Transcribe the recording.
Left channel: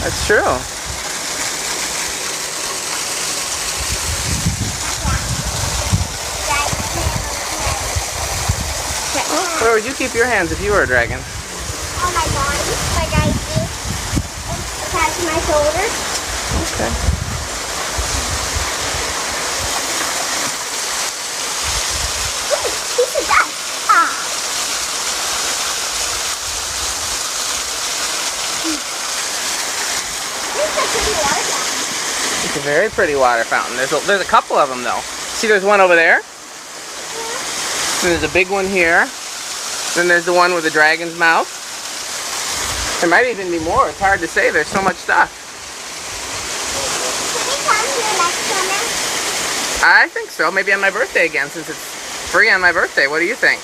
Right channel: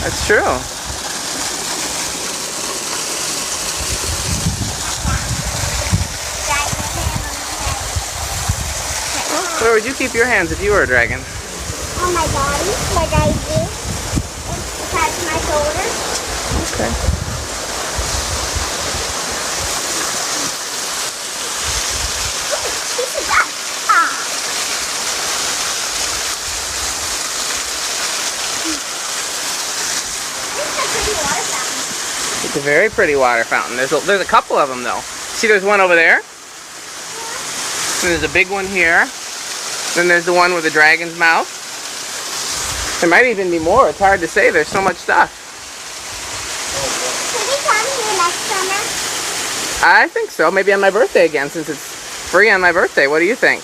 That's true. Where would you keep your hands if you were a dragon? On my body, like I do. Attached to my shoulders. Okay. It's a very pretty water fountain. There's a couple of them though. See, there's one over there. And there's a big one here. Then there's the one with the dragon's mouth. There might even be more. It's hard to say. There's so much stuff. Can we come here next summer? I think so. Maybe on my birthday again, since it's free on my birthday. What do you think?